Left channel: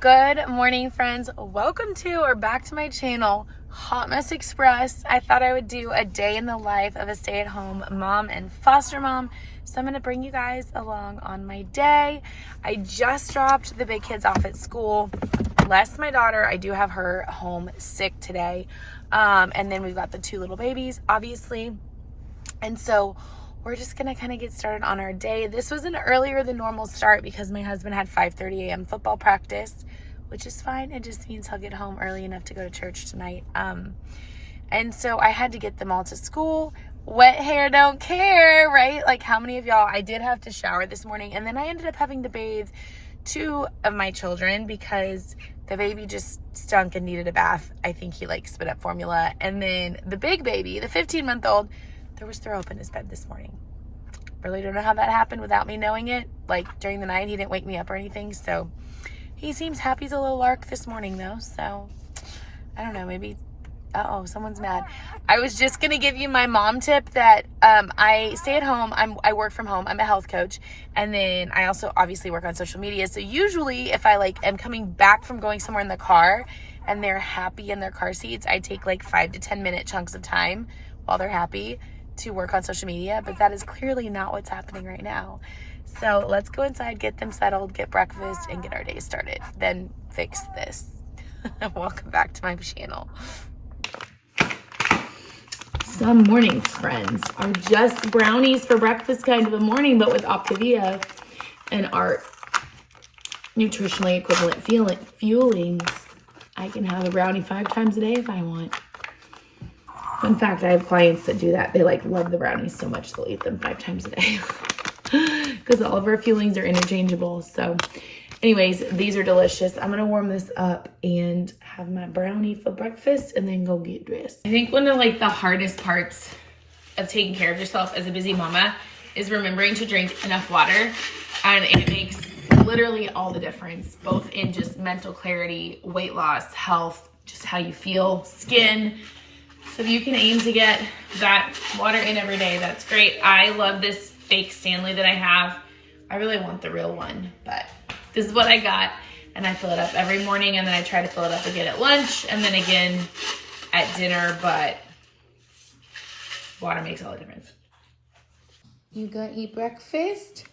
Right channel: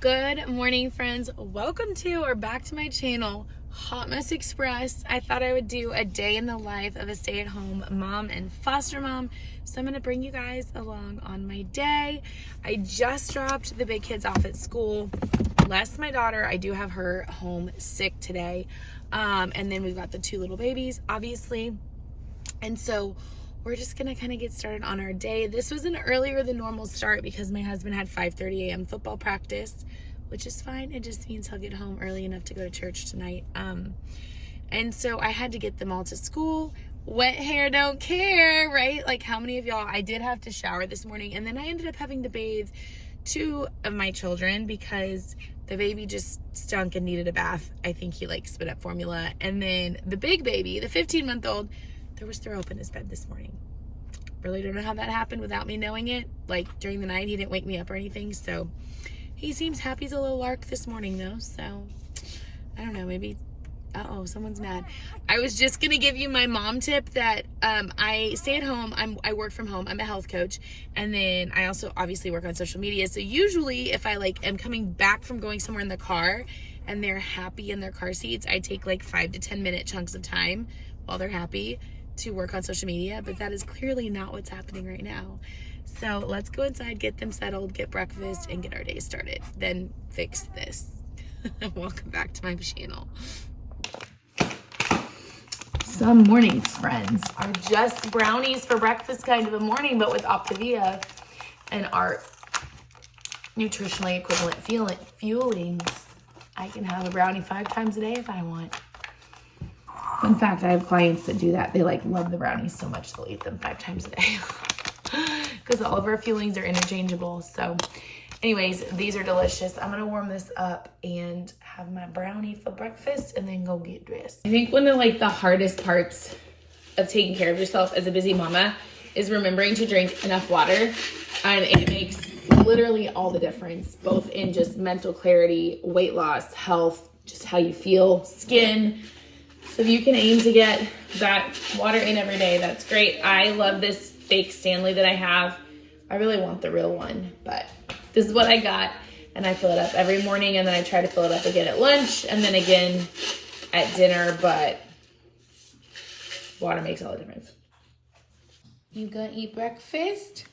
Good morning, friends. Welcome to or back to my channel, Hot Mess Express. I thought I would do a day in the life of a stay-at-home mom and foster mom. So I'm going to bring you guys along on my day. I just dropped the big kids off at school. Bless my daughter. I do have her home sick today. And then we've got the two little babies, obviously. And so we're just gonna kind of get started on our day. This was an earlier than normal start because my husband had 5:30 a.m. football practice, which is fine. It just means he'll get home early enough to go to church tonight. And so I had to get them all to school. Wet hair don't care, right? Like how many of y'all, I did have to shower this morning, and then I ended up having to bathe two of my children because the baby just stunk and needed a bath. I think he like spit up formula. And then the big baby, the 15-month-old, there was throw up in his bed this morning. Really don't know how that happened without me knowing it. Like during the night, he didn't wake me up or anything. So he seems happy as a little lark this morning though. So I don't know, maybe, uh-oh, someone's mad. I was just gonna give you my mom tip that I stay at home. I work from home. I'm a health coach. And then I also obviously work on social media. So usually if I like am coming back from going somewhere in the car and they're happy in their car seats, I take like 5 to 10 minute chunks of time while they're happy to work on social media, but that is clearly not what's happening right now. So let's go inside, get them settled, get breakfast, and get our day started. Then fix this. Welcome back to my channel. Some mornings, friends, are just brownies for breakfast kind of a morning, but with Optavia and our nutritionally equivalent fuelings, I can have a brownie 5 times a day if I want. In fact, I have clients that do that. They like love the brownies so much they'll eat them 5 times a day because all of our fuelings are interchangeable. So anyways, these are delicious. I'm gonna warm this up and have my brownie for breakfast and then go get dressed. I think one of like the hardest parts of taking care of yourself as a busy mama is remembering to drink enough water, and it makes literally all the difference, both in just mental clarity, weight loss, health, just how you feel, skin. So if you can aim to get that water in every day, that's great. I love this fake Stanley that I have. I really want the real one, but this is what I got. And I fill it up every morning, and then I try to fill it up again at lunch and then again at dinner, but water makes all the difference. You gonna eat breakfast?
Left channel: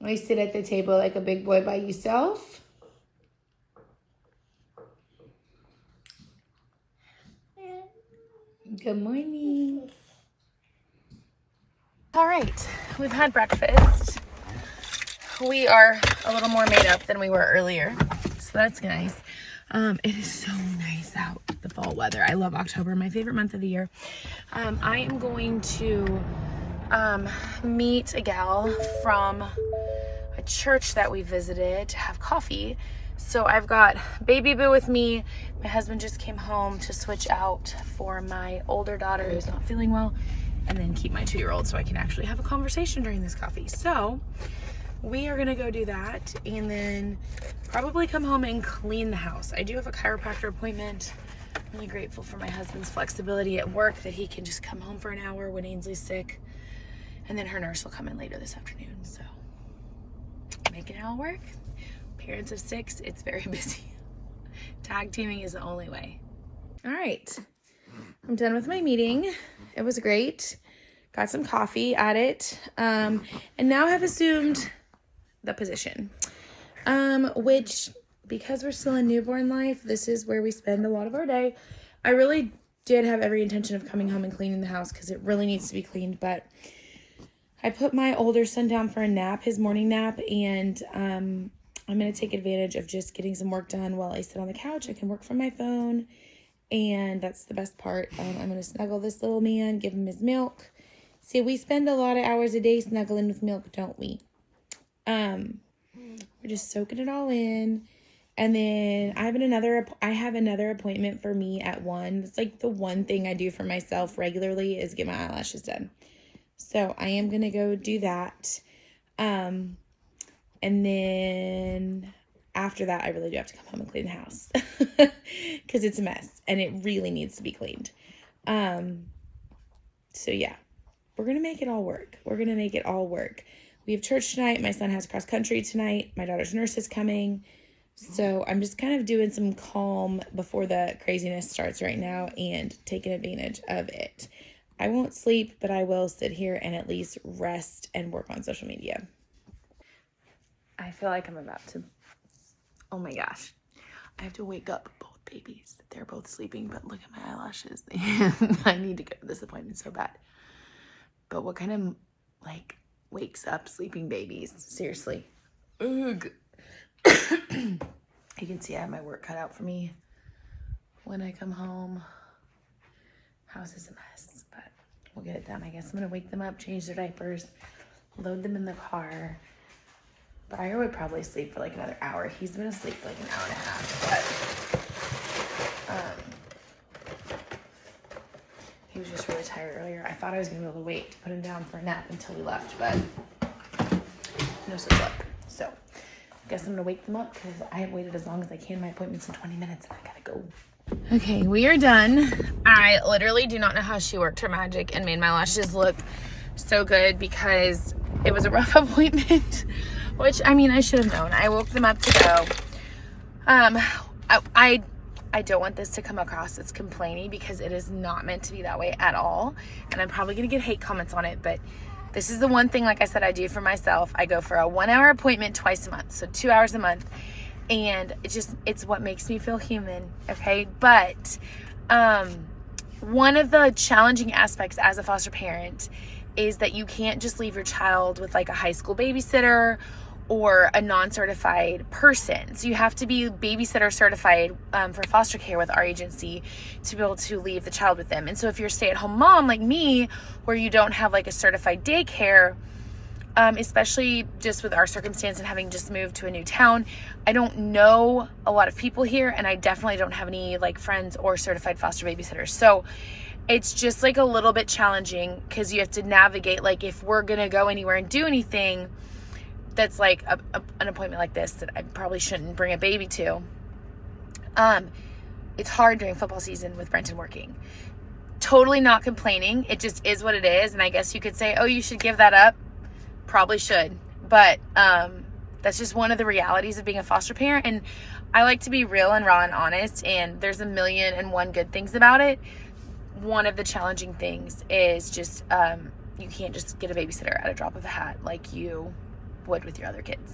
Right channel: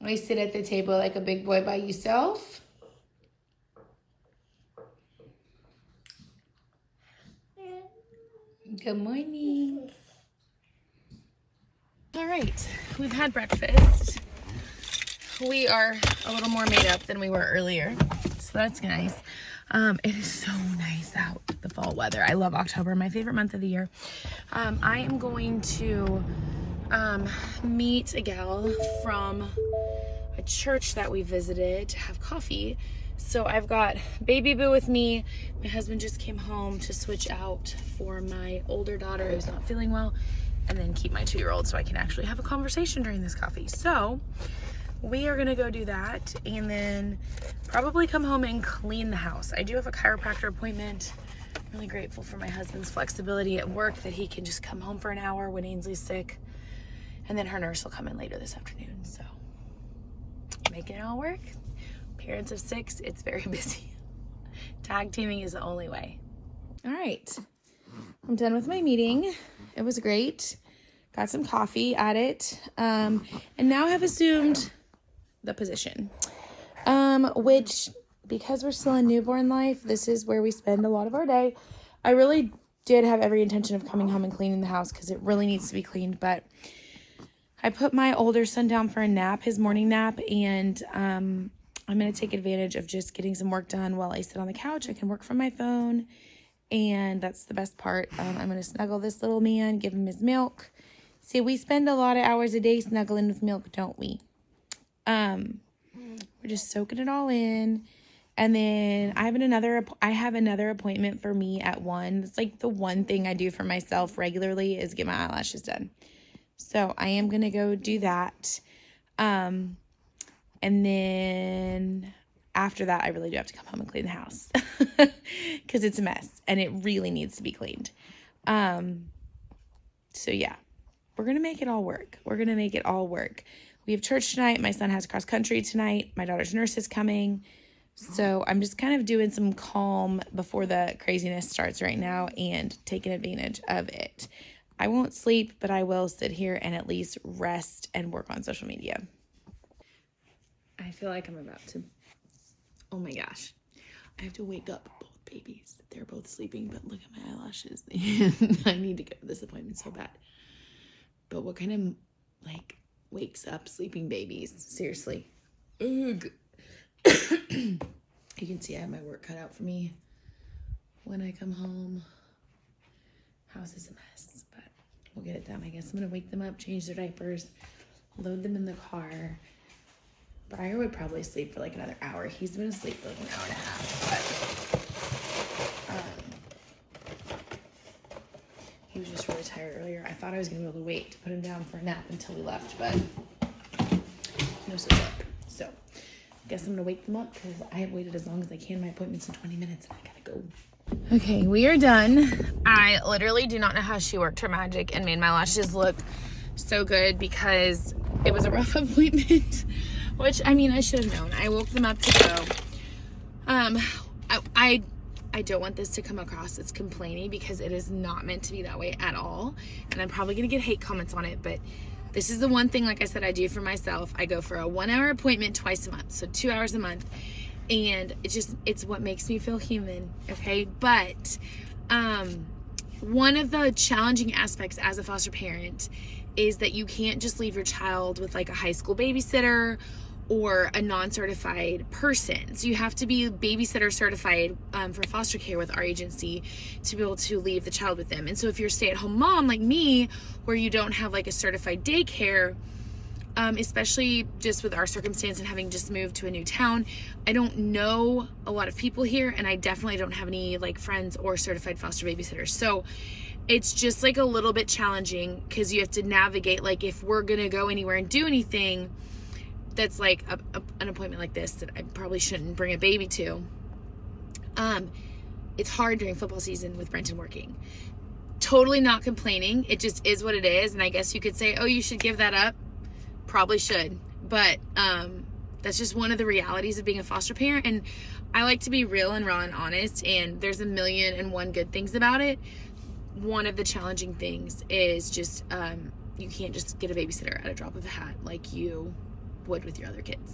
We sit at the table like a big boy by yourself? Good morning. All right, we've had breakfast. We are a little more made up than we were earlier, so that's nice. It is so nice out, the fall weather. I love October, my favorite month of the year. I am going to meet a gal from a church that we visited to have coffee. So I've got baby boo with me. My husband just came home to switch out for my older daughter who's not feeling well, and then keep my 2-year-old so I can actually have a conversation during this coffee. So we are gonna go do that and then probably come home and clean the house. I do have a chiropractor appointment. I'm really grateful for my husband's flexibility at work that he can just come home for an hour when Ainsley's sick, and then her nurse will come in later this afternoon. So making it all work. Parents of 6, it's very busy. Tag teaming is the only way. All right, I'm done with my meeting. It was great. Got some coffee at it. And now have assumed the position, which, because we're still in newborn life, this is where we spend a lot of our day. I really did have every intention of coming home and cleaning the house because it really needs to be cleaned, but I put my older son down for a nap, his morning nap, and I'm going to take advantage of just getting some work done while I sit on the couch. I can work from my phone, and that's the best part. I'm going to snuggle this little man, give him his milk. See, we spend a lot of hours a day snuggling with milk, don't we? We're just soaking it all in. And then I have another appointment for me at 1. It's like the one thing I do for myself regularly is get my eyelashes done. So I am going to go do that. And then after that, I really do have to come home and clean the house because it's a mess and it really needs to be cleaned. So yeah, we're going to make it all work. We're going to make it all work. we have church tonight. My son has cross country tonight. My daughter's nurse is coming. So I'm just kind of doing some calm before the craziness starts right now and taking advantage of it. I won't sleep, but I will sit here and at least rest and work on social media. I feel like I'm about to, oh my gosh. I have to wake up both babies. They're both sleeping, but look at my eyelashes. I need to go to this appointment so bad. But what kind of, like, wakes up sleeping babies? Seriously. Ugh. You can see I have my work cut out for me when I come home. House is a mess, but we'll get it done. I guess I'm gonna wake them up, change their diapers, load them in the car. But I would probably sleep for like another hour. He's been asleep for like an hour and a half, but he was just really tired earlier. I thought I was gonna be able to wait to put him down for a nap until we left, but no such luck. So I guess I'm gonna wake them up because I have waited as long as I can. My appointment's in 20 minutes and I gotta go. Okay, we are done. I literally do not know how she worked her magic and made my lashes look so good because it was a rough appointment, which, I mean, I should have known. I woke them up to go. I don't want this to come across as complaining because it is not meant to be that way at all. And I'm probably gonna get hate comments on it, but this is the one thing, like I said, I do for myself. I go for a 1 hour appointment twice a month, so 2 hours a month. And it's what makes me feel human, okay? But one of the challenging aspects as a foster parent is that you can't just leave your child with like a high school babysitter or a non-certified person. So you have to be babysitter certified for foster care with our agency to be able to leave the child with them. And so if you're a stay-at-home mom like me, where you don't have like a certified daycare, especially just with our circumstance and having just moved to a new town, I don't know a lot of people here, and I definitely don't have any like friends or certified foster babysitters. So it's just like a little bit challenging because you have to navigate, like if we're gonna go anywhere and do anything that's like an appointment like this that I probably shouldn't bring a baby to. It's hard during football season with Brenton working. Totally not complaining. It just is what it is. And I guess you could say, oh, you should give that up. Probably should. But that's just one of the realities of being a foster parent. And I like to be real and raw and honest. And there's 1,000,001 good things about it. One of the challenging things is just you can't just get a babysitter at a drop of a hat like you would with your other kids.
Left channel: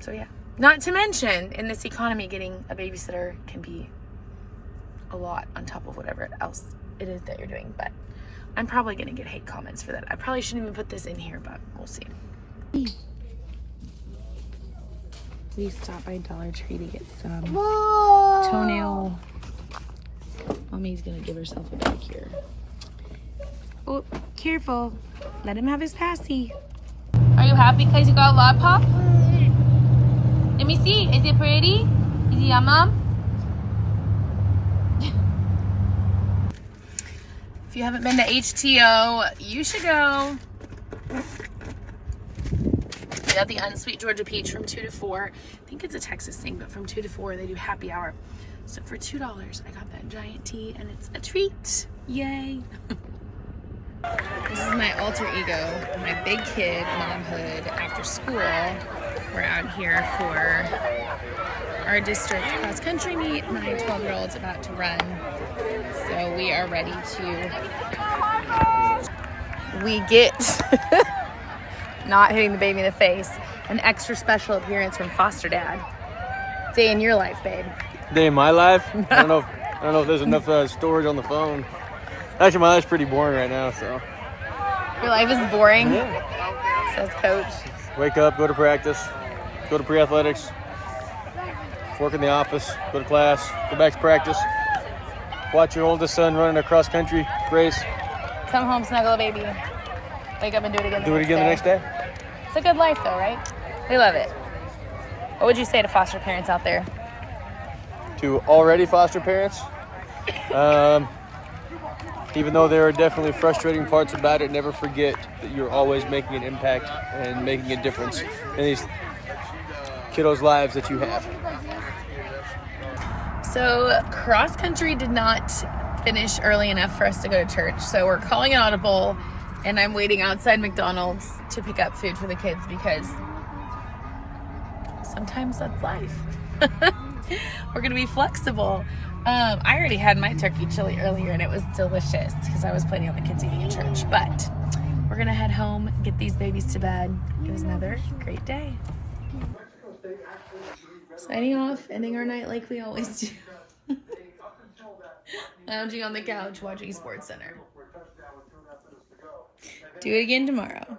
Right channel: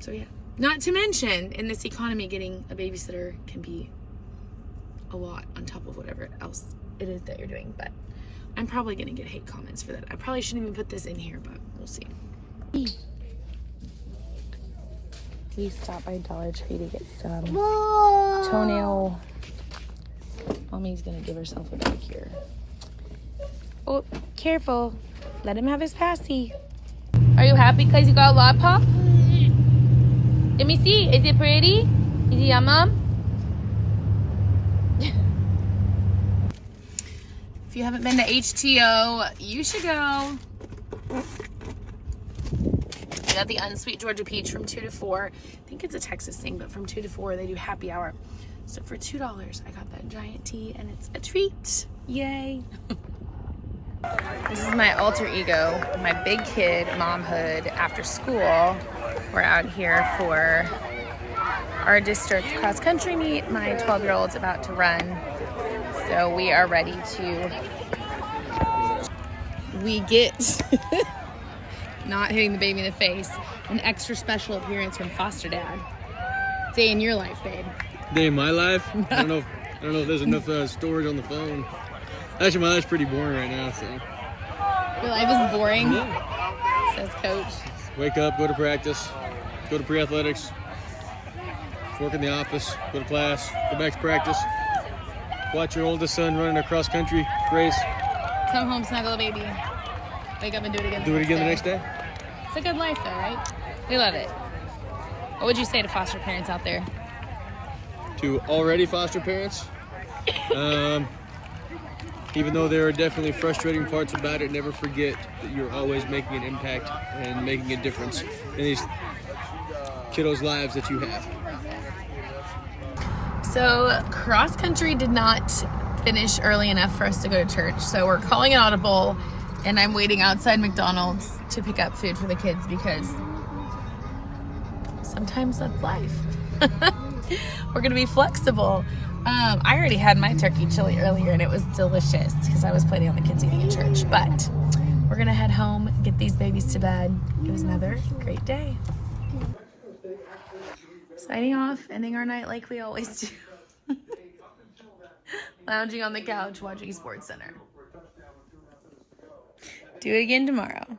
So yeah, not to mention in this economy, getting a babysitter can be a lot on top of whatever else it is that you're doing. But I'm probably gonna get hate comments for that. I probably shouldn't even put this in here, but we'll see. We stopped by Dollar Tree to get some toenail. Mommy's gonna give herself a back here. Oh, careful. Let him have his passy. Are you happy because you got a lollipop? Let me see. Is it pretty? Is it yum yum? If you haven't been to HTO, you should go. We got the unsweet Georgia peach from 2 to 4. I think it's a Texas thing, but from 2 to 4 they do happy hour. So for $2, I got that giant tea, and it's a treat. Yay! This is my alter ego, my big kid momhood after school. We're out here for our district cross country meet. My 12-year-old's about to run, so we are ready to. We get not hitting the baby in the face. An extra special appearance from foster dad. Day in your life, babe. Day in my life? I don't know if there's enough storage on the phone. Actually, my life's pretty boring right now, so. Your life is boring? Yeah. Says coach. Wake up, go to practice, go to pre-athletics, work in the office, go to class, go back to practice, watch your oldest son run in a cross-country race. Come home, snuggle a baby. Wake up and do it again. Do it again the next day. It's a good life though, right? We love it. What would you say to foster parents out there? To already foster parents, even though there are definitely frustrating parts about it, never forget that you're always making an impact and making a difference in these kiddos' lives that you have. So cross country did not finish early enough for us to go to church, so we're calling an audible And I'm waiting outside McDonald's to pick up food for the kids because sometimes that's life. We're gonna be flexible. I already had my turkey chili earlier and it was delicious because I was planning on the kids eating at church. But we're gonna head home, get these babies to bed. It was another great day. Signing off, ending our night like we always do. Lounging on the couch watching SportsCenter. Do it again tomorrow.